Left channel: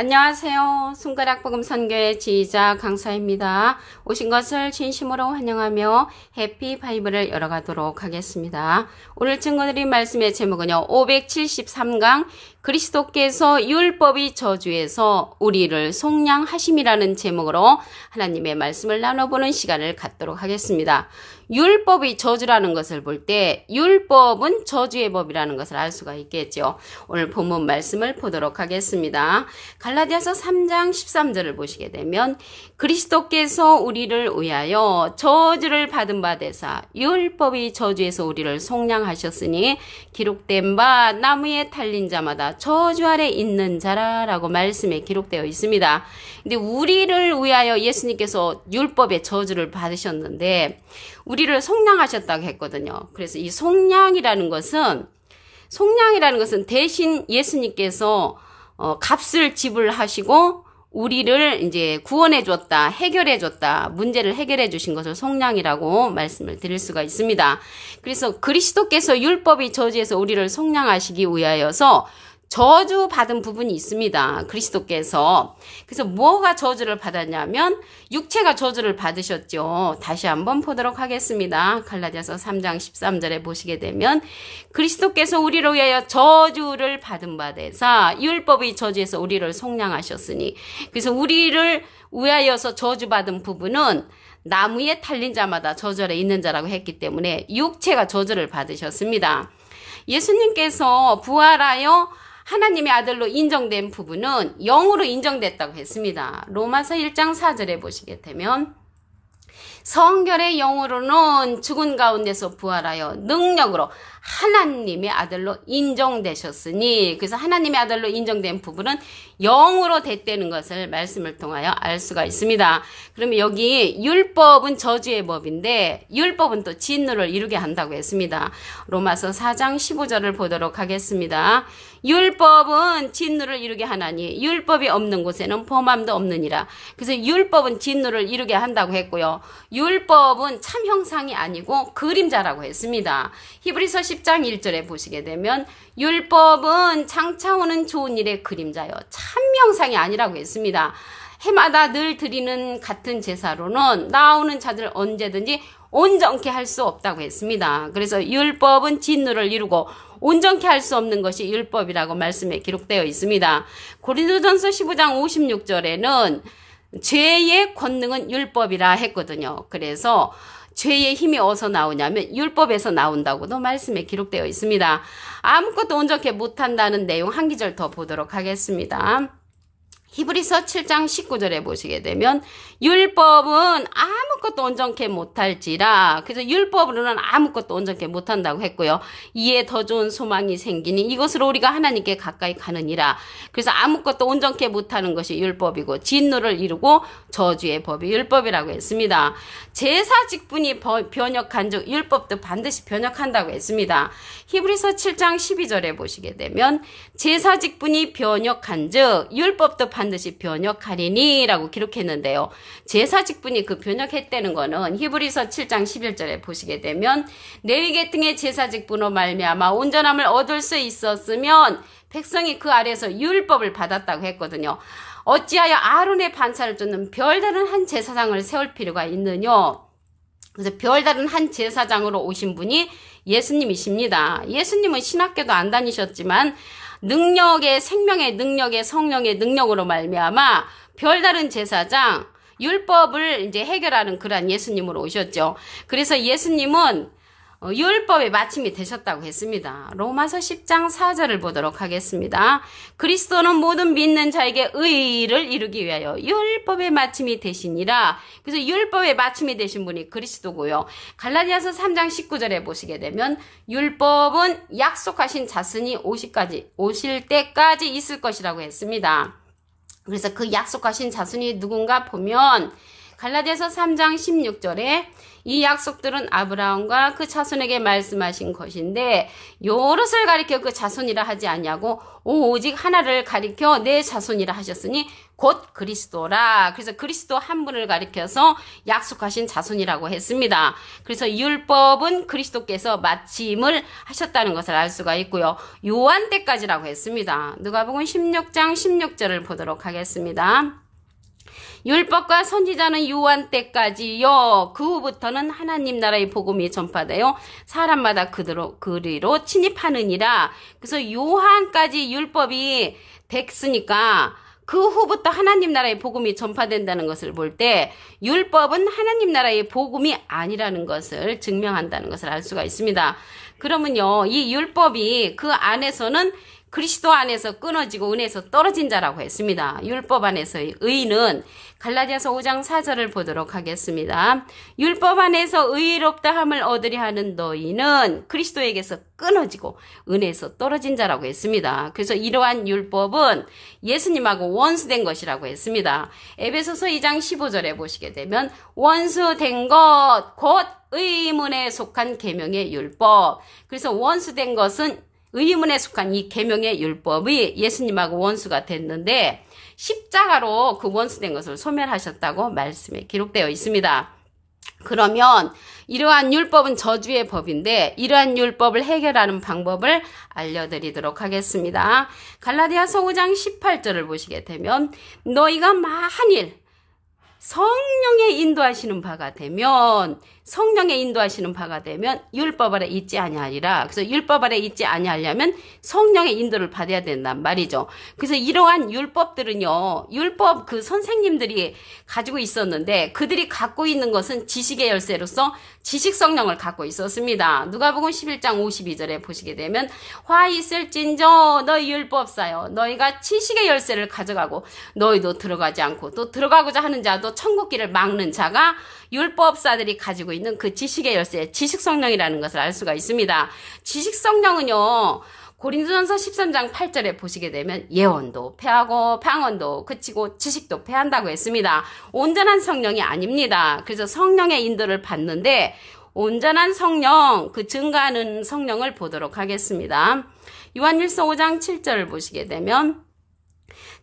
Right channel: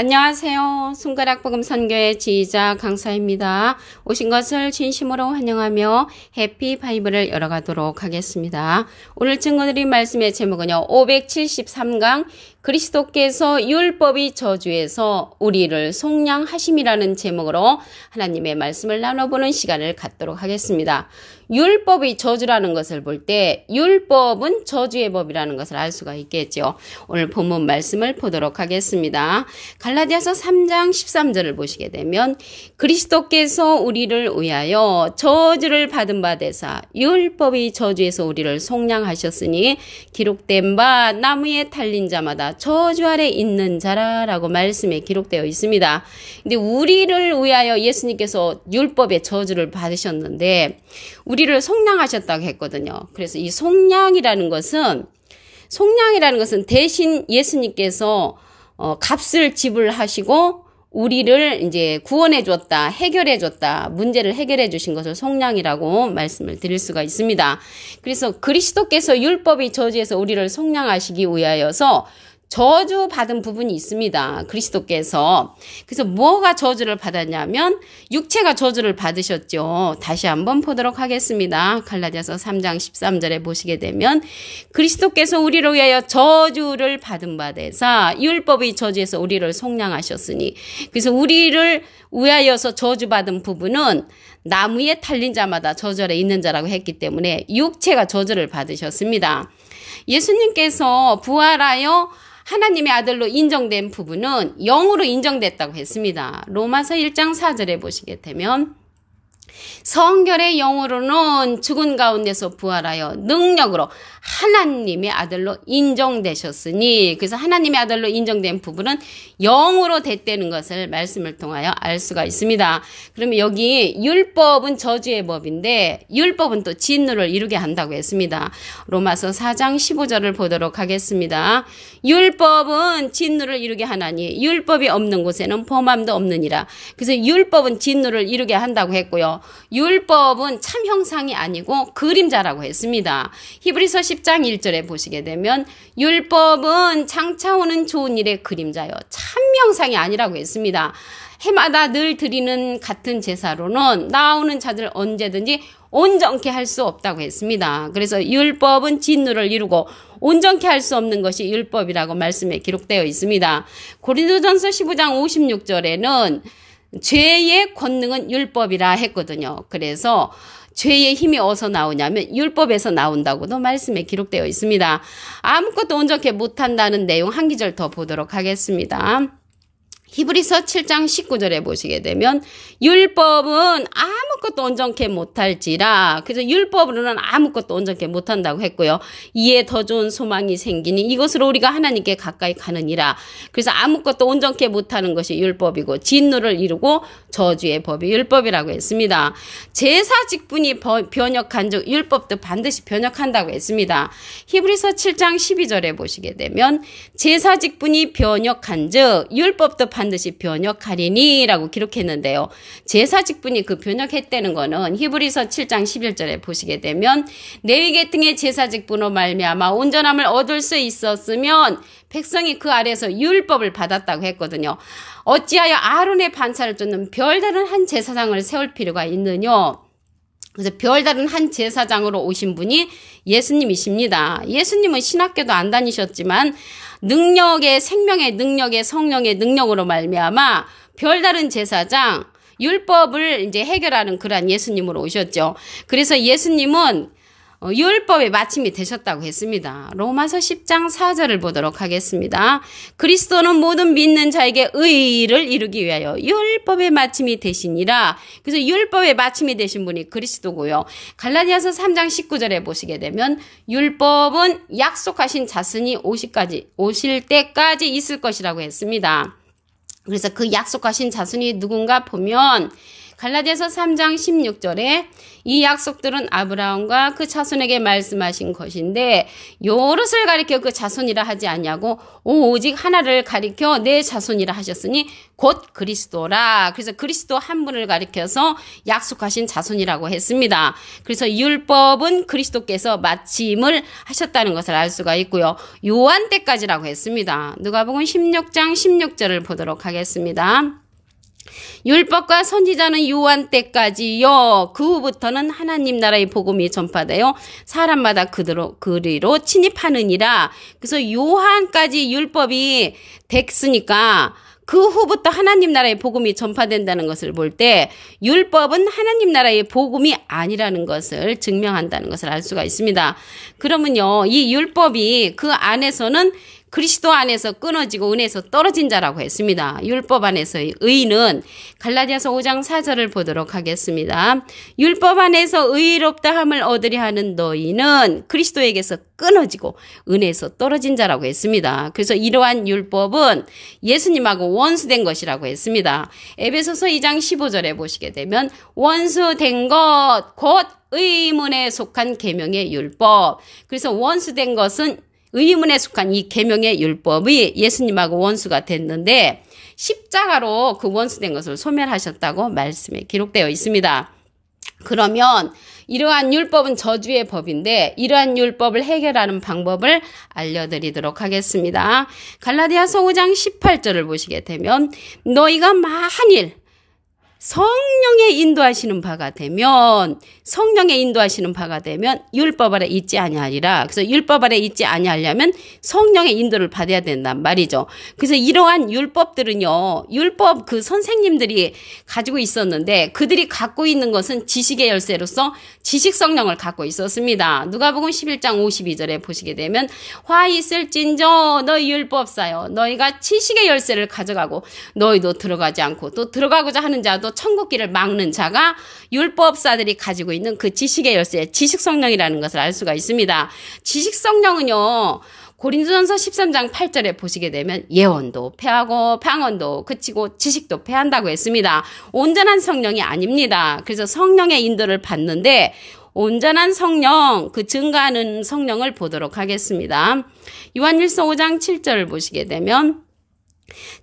안녕하세요. 손가락복음 선교의 지휘자 강사입니다. 오신 것을 진심으로 환영하며 해피 바이블을 열어가도록 하겠습니다. 오늘 증거드린 말씀의 제목은요. 573강 그리스도께서 율법의 저주에서 우리를 속량하심이라는 제목으로 하나님의 말씀을 나눠보는 시간을 갖도록 하겠습니다. 율법의 저주라는 것을 볼 때 율법은 저주의 법이라는 것을 알 수가 있겠죠. 오늘 본문 말씀을 보도록 하겠습니다. 갈라디아서 3장 13절을 보시게 되면 그리스도께서 우리를 위하여 저주를 받은 바 되사 율법의 저주에서 우리를 속량하셨으니 기록된 바 나무에 달린 자마다 저주 아래 있는 자라라고 말씀에 기록되어 있습니다. 근데 우리를 위하여 예수님께서 율법의 저주를 받으셨는데 우리를 속량하셨다고 했거든요. 그래서 이 속량이라는 것은 대신 예수님께서 값을 지불하시고 우리를 이제 구원해 줬다, 해결해 줬다, 문제를 해결해 주신 것을 속량이라고 말씀을 드릴 수가 있습니다. 그래서 그리스도께서 율법의 저주에서 우리를 속량하시기 위하여서 저주받은 부분이 있습니다. 그리스도께서. 그래서 뭐가 저주를 받았냐면 육체가 저주를 받으셨죠. 다시 한번 보도록 하겠습니다. 갈라디아서 3장 13절에 보시게 되면 그리스도께서 우리를 위하여 저주를 받은 바 되사 율법의 저주에서 우리를 속량하셨으니, 그래서 우리를 위하여서 저주받은 부분은 나무에 달린 자마다 저주 아래 있는 자라고 했기 때문에 육체가 저주를 받으셨습니다. 예수님께서 부활하여 하나님의 아들로 인정된 부분은 영으로 인정됐다고 했습니다. 로마서 1장 4절에 보시게 되면 성결의 영으로는 죽은 가운데서 부활하여 능력으로 하나님의 아들로 인정되셨으니, 그래서 하나님의 아들로 인정된 부분은 영으로 됐다는 것을 말씀을 통하여 알 수가 있습니다. 그러면 여기 율법은 저주의 법인데 율법은 또 진노를 이루게 한다고 했습니다. 로마서 4장 15절을 보도록 하겠습니다. 율법은 진노를 이루게 하나니 율법이 없는 곳에는 범함도 없느니라. 그래서 율법은 진노를 이루게 한다고 했고요. 율법은 참 형상이 아니고 그림자라고 했습니다. 히브리서 10장 1절에 보시게 되면 율법은 장차 오는 좋은 일의 그림자요 참 형상이 아니라고 했습니다. 해마다 늘 드리는 같은 제사로는 나오는 자들 언제든지 온전케 할 수 없다고 했습니다. 그래서 율법은 진노를 이루고 온전케 할 수 없는 것이 율법이라고 말씀에 기록되어 있습니다. 고린도전서 15장 56절에는 죄의 권능은 율법이라 했거든요. 그래서 죄의 힘이 어디서 나오냐면 율법에서 나온다고도 말씀에 기록되어 있습니다. 아무것도 온전케 못한다는 내용 한 기절 더 보도록 하겠습니다. 히브리서 7장 19절에 보시게 되면 율법은 아무것도 온전케 못할지라, 그래서 율법으로는 아무것도 온전케 못한다고 했고요. 이에 더 좋은 소망이 생기니 이것으로 우리가 하나님께 가까이 가느니라. 그래서 아무것도 온전케 못하는 것이 율법이고 진노를 이루고 저주의 법이 율법이라고 했습니다. 제사 직분이 변역한 즉 율법도 반드시 변역한다고 했습니다. 히브리서 7장 12절에 보시게 되면 제사 직분이 변역한 즉 율법도 반드시 변역하리니 라고 기록했는데요. 제사 직분이 그 변역했다는 거는 히브리서 7장 11절에 보시게 되면 레위 계통의 제사 직분으로 말미암아 온전함을 얻을 수 있었으면 백성이 그 아래에서 율법을 받았다고 했거든요. 어찌하여 아론의 반차를 쫓는 별다른 한 제사장을 세울 필요가 있느냐. 그래서 별다른 한 제사장으로 오신 분이 예수님이십니다. 예수님은 신학교도 안 다니셨지만 능력의 생명의 능력의 성령의 능력으로 말미암아 별다른 제사장 율법을 이제 해결하는 그러한 예수님으로 오셨죠. 그래서 예수님은 율법의 마침이 되셨다고 했습니다. 로마서 10장 4절을 보도록 하겠습니다. 그리스도는 모든 믿는 자에게 의를 이루기 위하여 율법의 마침이 되시니라. 그래서 율법의 마침이 되신 분이 그리스도고요. 갈라디아서 3장 19절에 보시게 되면 율법은 약속하신 자신이 오실 때까지 있을 것이라고 했습니다. 그래서 그 약속하신 자손이 누군가 보면 갈라디아서 3장 16절에 이 약속들은 아브라함과 그 자손에게 말씀하신 것인데 여럿을 가리켜 그 자손이라 하지 않냐고 오직 하나를 가리켜 내 자손이라 하셨으니 곧 그리스도라. 그래서 그리스도 한 분을 가리켜서 약속하신 자손이라고 했습니다. 그래서 율법은 그리스도께서 마침을 하셨다는 것을 알 수가 있고요. 요한 때까지라고 했습니다. 누가복음 16장 16절을 보도록 하겠습니다. 율법과 선지자는 요한 때까지요. 그 후부터는 하나님 나라의 복음이 전파되어 사람마다 그리로 침입하느니라. 그래서 요한까지 율법이 됐으니까 그 후부터 하나님 나라의 복음이 전파된다는 것을 볼 때 율법은 하나님 나라의 복음이 아니라는 것을 증명한다는 것을 알 수가 있습니다. 그러면요, 이 율법이 그 안에서는 그리스도 안에서 끊어지고 은혜에서 떨어진 자라고 했습니다. 율법 안에서의 의는 갈라디아서 5장 4절을 보도록 하겠습니다. 율법 안에서 의롭다 함을 얻으려 하는 너희는 그리스도에게서 끊어지고 은혜에서 떨어진 자라고 했습니다. 그래서 이러한 율법은 예수님하고 원수된 것이라고 했습니다. 에베소서 2장 15절에 보시게 되면 원수된 것 곧 의문에 속한 계명의 율법. 그래서 원수된 것은 의문에 속한 이 계명의 율법이 예수님하고 원수가 됐는데 십자가로 그 원수된 것을 소멸하셨다고 말씀에 기록되어 있습니다. 그러면 이러한 율법은 저주의 법인데 이러한 율법을 해결하는 방법을 알려드리도록 하겠습니다. 갈라디아서 5장 18절을 보시게 되면 너희가 만일 성령의 인도하시는 바가 되면 율법 아래 있지 아니하리라. 그래서 율법 아래 있지 아니하려면 성령의 인도를 받아야 된단 말이죠. 그래서 이러한 율법들은요, 율법 그 선생님들이 가지고 있었는데 그들이 갖고 있는 것은 지식의 열쇠로서 지식 성령을 갖고 있었습니다. 누가복음 11장 52절에 보시게 되면 화 있을진저 너희 율법사여 너희가 지식의 열쇠를 가져가고 너희도 들어가지 않고 또 들어가고자 하는 자도 천국길을 막는 자가 율법사들이 가지고 있는 그 지식의 열쇠, 지식성령이라는 것을 알 수가 있습니다. 지식성령은요, 고린도전서 13장 8절에 보시게 되면 예언도 패하고 방언도 그치고 지식도 패한다고 했습니다. 온전한 성령이 아닙니다. 그래서 성령의 인도를 받는데 온전한 성령, 그 증가하는 성령을 보도록 하겠습니다. 요한일서 5장 7절을 보시게 되면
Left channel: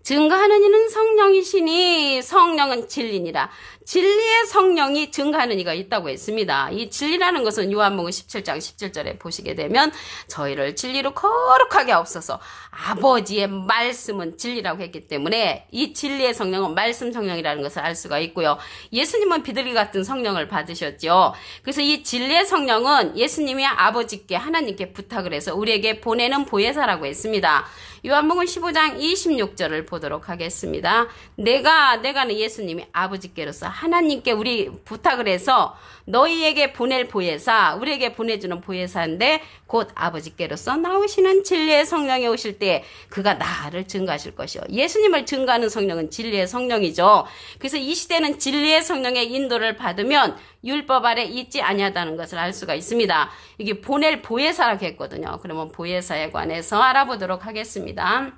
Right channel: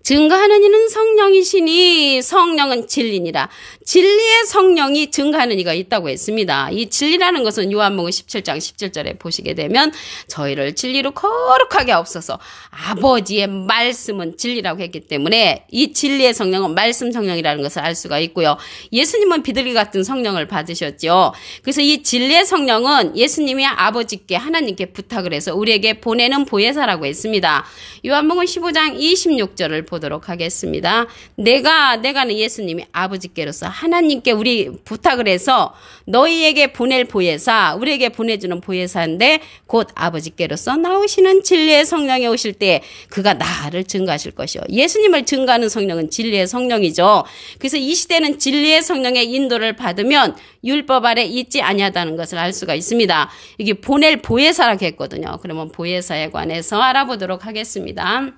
증가하는 이는 성령이시니 성령은 진리니라. 진리의 성령이 증가하는 이가 있다고 했습니다. 이 진리라는 것은 요한복음 17장 17절에 보시게 되면 저희를 진리로 거룩하게 하옵소서. 아버지의 말씀은 진리라고 했기 때문에 이 진리의 성령은 말씀 성령이라는 것을 알 수가 있고요. 예수님은 비둘기 같은 성령을 받으셨죠. 그래서 이 진리의 성령은 예수님이 아버지께 하나님께 부탁을 해서 우리에게 보내는 보혜사라고 했습니다. 요한복음 15장 26절을 보도록 하겠습니다. 내가는 예수님이 아버지께로서 하나님께 우리 부탁을 해서 너희에게 보낼 보혜사, 우리에게 보내주는 보혜사인데 곧 아버지께로서 나오시는 진리의 성령이 오실 때 그가 나를 증가하실 것이요. 예수님을 증가하는 성령은 진리의 성령이죠. 그래서 이 시대는 진리의 성령의 인도를 받으면 율법 아래 있지 아니하다는 것을 알 수가 있습니다. 이게 보낼 보혜사라고 했거든요. 그러면 보혜사에 관해서 알아보도록 하겠습니다.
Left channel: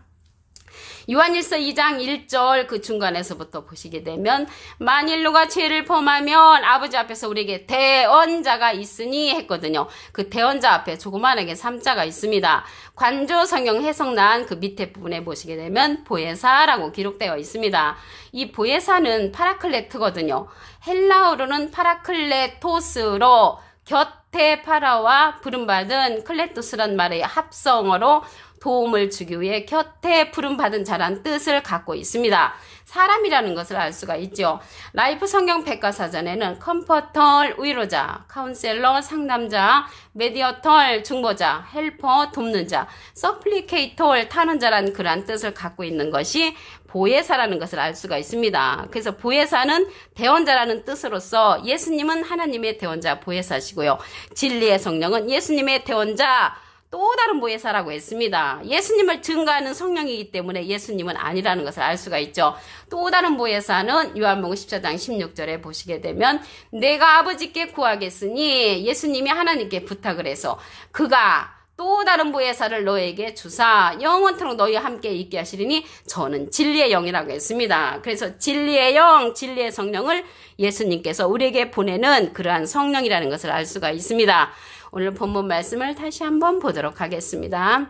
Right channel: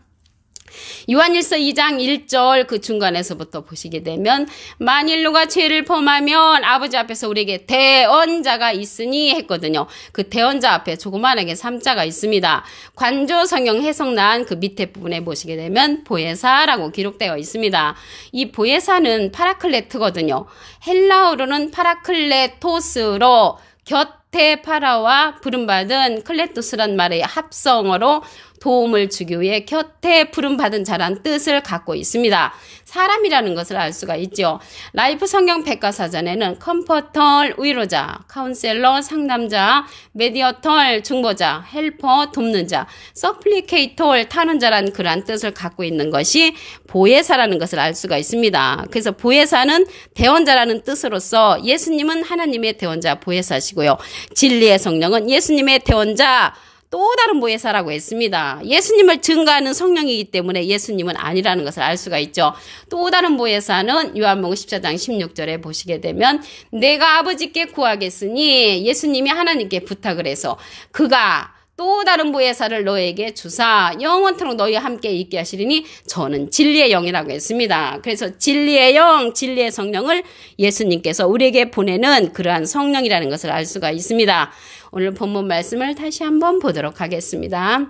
요한일서 2장 1절 그 중간에서부터 보시게 되면 만일 누가 죄를 범하면 아버지 앞에서 우리에게 대언자가 있으니 했거든요. 그 대언자 앞에 조그만하게 3자가 있습니다. 관조 성경 해석란 그 밑에 부분에 보시게 되면 보혜사라고 기록되어 있습니다. 이 보혜사는 파라클레트거든요. 헬라어로는 파라클레토스로 곁에 파라와 부름받은 클레토스란 말의 합성어로 도움을 주기 위해 곁에 부름받은 자란 뜻을 갖고 있습니다. 사람이라는 것을 알 수가 있죠. 라이프 성경 백과사전에는 컴포터, 위로자, 카운셀러, 상담자, 메디어털, 중보자, 헬퍼, 돕는 자, 서플리케이터, 타는 자라는 그러한 뜻을 갖고 있는 것이 보혜사라는 것을 알 수가 있습니다. 그래서 보혜사는 대언자라는 뜻으로서 예수님은 하나님의 대언자 보혜사시고요. 진리의 성령은 예수님의 대언자 또 다른 보혜사라고 했습니다. 예수님을 증가하는 성령이기 때문에 예수님은 아니라는 것을 알 수가 있죠. 또 다른 보혜사는 요한복음 14장 16절에 보시게 되면 내가 아버지께 구하겠으니 예수님이 하나님께 부탁을 해서 그가 또 다른 보혜사를 너에게 주사 영원토록 너희와 함께 있게 하시리니 저는 진리의 영이라고 했습니다. 그래서 진리의 영, 진리의 성령을 예수님께서 우리에게 보내는 그러한 성령이라는 것을 알 수가 있습니다. 오늘 본문 말씀을 다시 한번 보도록 하겠습니다.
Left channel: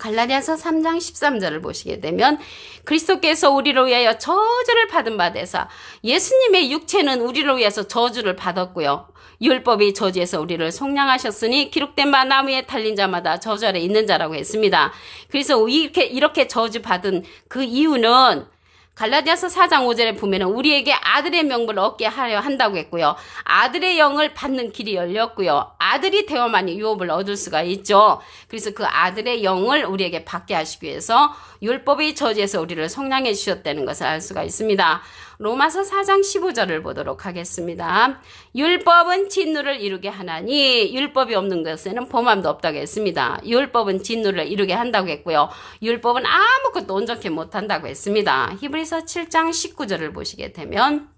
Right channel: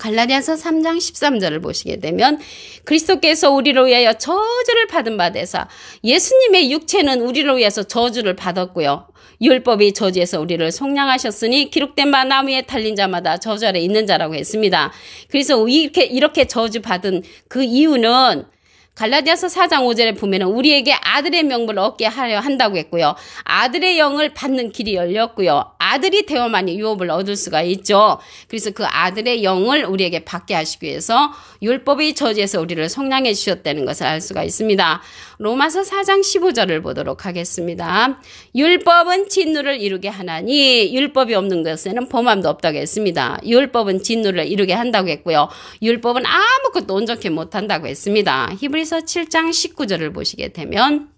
갈라디아서 3장 13절을 보시게 되면 그리스도께서 우리를 위하여 저주를 받은 바 되사 예수님의 육체는 우리를 위해서 저주를 받았고요. 율법이 저주에서 우리를 속량하셨으니 기록된 바 나무에 달린 자마다 저주 아래 있는 자라고 했습니다. 그래서 이렇게 저주받은 그 이유는 갈라디아서 4장 5절에 보면은 우리에게 아들의 명분을 얻게 하려 한다고 했고요. 아들의 영을 받는 길이 열렸고요. 아들이 되어만이 유업을 얻을 수가 있죠. 그래서 그 아들의 영을 우리에게 받게 하시기 위해서 율법의 저주에서 우리를 속량해 주셨다는 것을 알 수가 있습니다. 로마서 4장 15절을 보도록 하겠습니다. 율법은 진노를 이루게 하나니 율법이 없는 것에는 범함도 없다고 했습니다. 율법은 진노를 이루게 한다고 했고요. 율법은 아무것도 온전히 못한다고 했습니다. 히브리서 7장 19절을 보시게 되면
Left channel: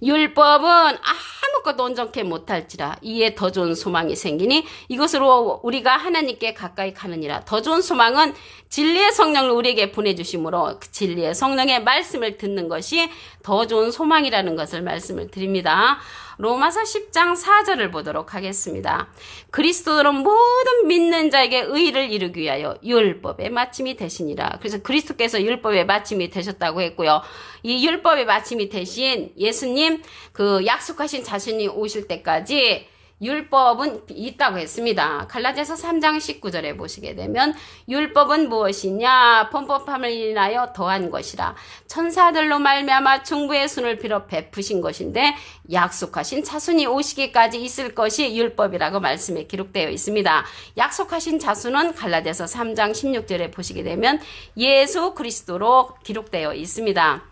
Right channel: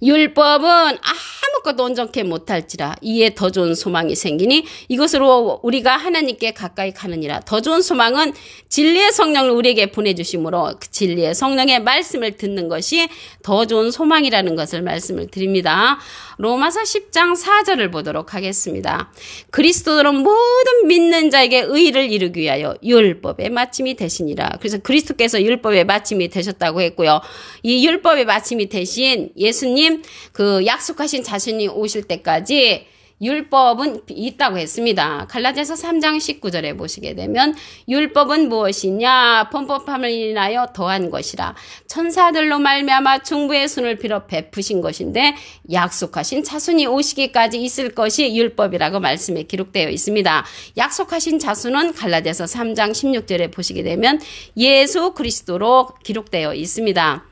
율법은 아무것도 온전히 못할지라 이에 더 좋은 소망이 생기니 이것으로 우리가 하나님께 가까이 가느니라. 더 좋은 소망은 진리의 성령을 우리에게 보내주심으로 그 진리의 성령의 말씀을 듣는 것이 더 좋은 소망이라는 것을 말씀을 드립니다. 로마서 10장 4절을 보도록 하겠습니다. 그리스도는 모든 믿는 자에게 의를 이루기 위하여 율법의 마침이 되시니라. 그래서 그리스도께서 율법의 마침이 되셨다고 했고요. 이 율법의 마침이 되신 예수님 그 약속하신 자신이 오실 때까지 율법은 있다고 했습니다. 갈라디아서 3장 19절에 보시게 되면 율법은 무엇이냐? 범법함을 인하여 더한 것이라. 천사들로 말미암아 중부의 손을 빌어 베푸신 것인데 약속하신 자손이 오시기까지 있을 것이 율법이라고 말씀에 기록되어 있습니다. 약속하신 자손은 갈라디아서 3장 16절에 보시게 되면 예수 그리스도로 기록되어 있습니다.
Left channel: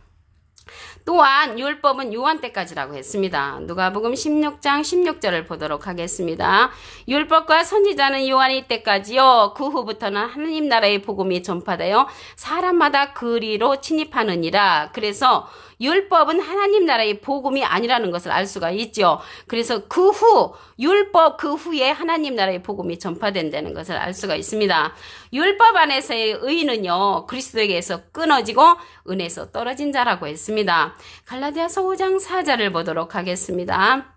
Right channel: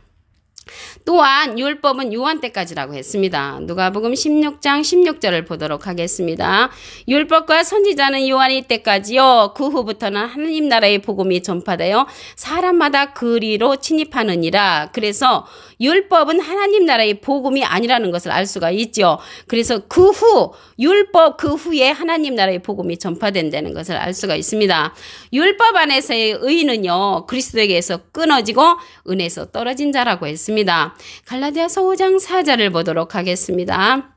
또한 율법은 요한 때까지라고 했습니다. 누가복음 16장 16절을 보도록 하겠습니다. 율법과 선지자는 요한이 때까지요. 그 후부터는 하나님 나라의 복음이 전파되어 사람마다 그리로 침입하느니라. 그래서 율법은 하나님 나라의 복음이 아니라는 것을 알 수가 있죠. 그래서 그 후 율법 그 후에 하나님 나라의 복음이 전파된다는 것을 알 수가 있습니다. 율법 안에서의 의는요. 그리스도에게서 끊어지고 은혜에서 떨어진 자라고 했습니다. 갈라디아서 5장 4절을 보도록 하겠습니다.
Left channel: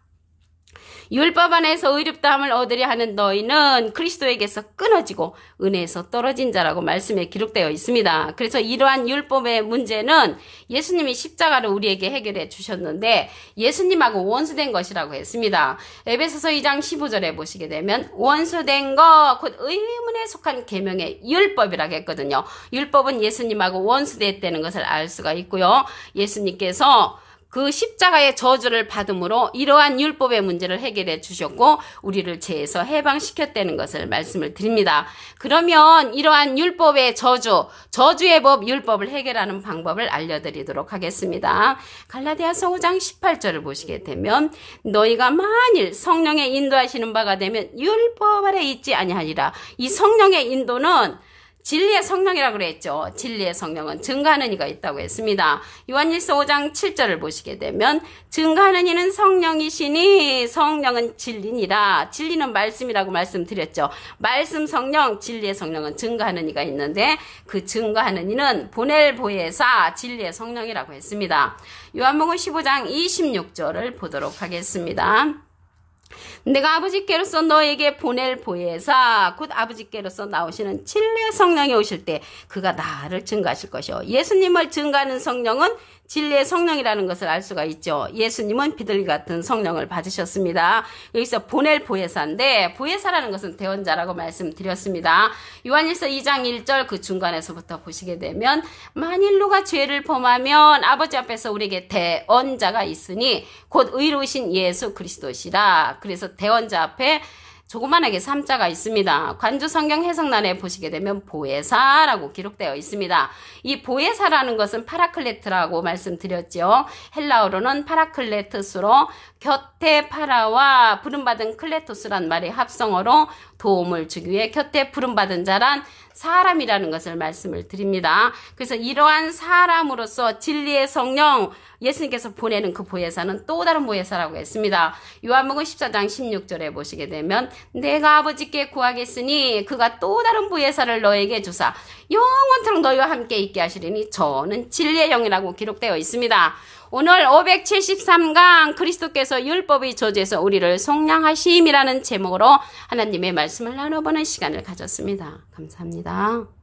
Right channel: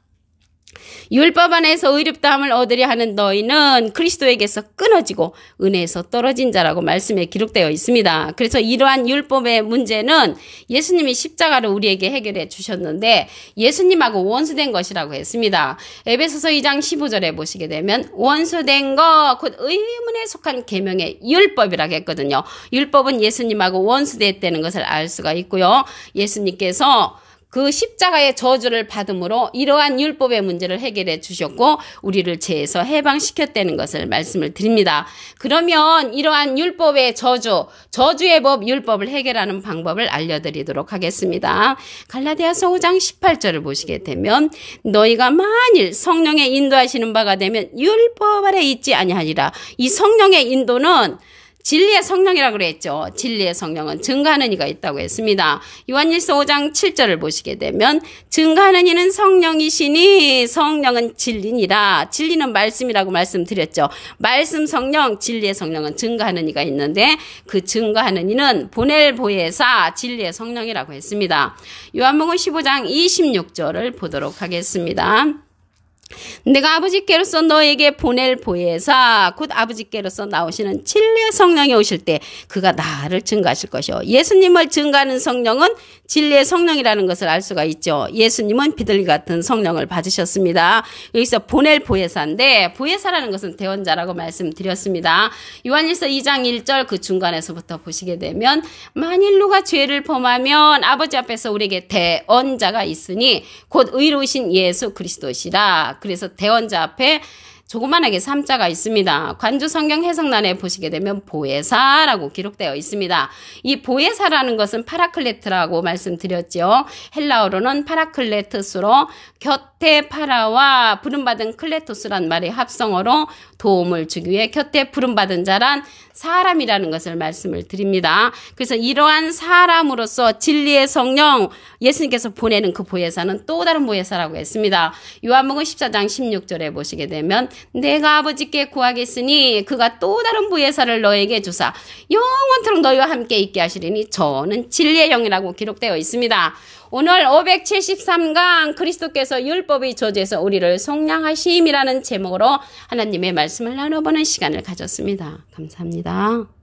율법 안에서 의롭다함을 얻으려 하는 너희는 그리스도에게서 끊어지고 은혜에서 떨어진 자라고 말씀에 기록되어 있습니다. 그래서 이러한 율법의 문제는 예수님이 십자가를 우리에게 해결해 주셨는데 예수님하고 원수된 것이라고 했습니다. 에베소서 2장 15절에 보시게 되면 원수된 것 곧 의문에 속한 계명의 율법이라고 했거든요. 율법은 예수님하고 원수됐다는 것을 알 수가 있고요. 예수님께서 그 십자가의 저주를 받음으로 이러한 율법의 문제를 해결해 주셨고 우리를 죄에서 해방시켰다는 것을 말씀을 드립니다. 그러면 이러한 율법의 저주의 법, 율법을 해결하는 방법을 알려드리도록 하겠습니다. 갈라디아서 5장 18절을 보시게 되면 너희가 만일 성령의 인도하시는 바가 되면 율법 아래 있지 아니하리라. 이 성령의 인도는 진리의 성령이라고 그랬죠. 진리의 성령은 증거하는 이가 있다고 했습니다. 요한일서 5장 7절을 보시게 되면 증거하는 이는 성령이시니 성령은 진리니라. 진리는 말씀이라고 말씀드렸죠. 말씀 성령, 진리의 성령은 증거하는 이가 있는데 그 증거하는 이는 보낼 보혜사 진리의 성령이라고 했습니다. 요한복음 15장 26절을 보도록 하겠습니다. 내가 아버지께로서 너에게 보낼 보혜사 곧 아버지께로서 나오시는 진리의 성령이 오실 때 그가 나를 증거하실 것이요. 예수님을 증거하는 성령은 진리의 성령이라는 것을 알 수가 있죠. 예수님은 비둘기 같은 성령을 받으셨습니다. 여기서 보낼 보혜사인데 보혜사라는 것은 대언자라고 말씀드렸습니다. 요한일서 2장 1절 그 중간에서부터 보시게 되면 만일 누가 죄를 범하면 아버지 앞에서 우리에게 대언자가 있으니 곧 의로우신 예수 그리스도시라. 그래서 대언자 앞에 조그만하게 3자가 있습니다. 관주 성경 해석란에 보시게 되면 보혜사라고 기록되어 있습니다. 이 보혜사라는 것은 파라클레트라고 말씀드렸죠. 헬라어로는 파라클레트스로 곁에 파라와 부름받은 클레토스란 말의 합성어로 도움을 주기 위해 곁에 부름받은 자란 사람이라는 것을 말씀을 드립니다. 그래서 이러한 사람으로서 진리의 성령 예수님께서 보내는 그 보혜사는 또 다른 보혜사라고 했습니다. 요한복음 14장 16절에 보시게 되면 내가 아버지께 구하겠으니 그가 또 다른 부예사를 너에게 주사 영원토록 너희와 함께 있게 하시리니 저는 진리의 영이라고 기록되어 있습니다. 오늘 573강 그리스도께서 율법의 저주에서 우리를 속량하심이라는 제목으로 하나님의 말씀을 나눠보는 시간을 가졌습니다. 감사합니다.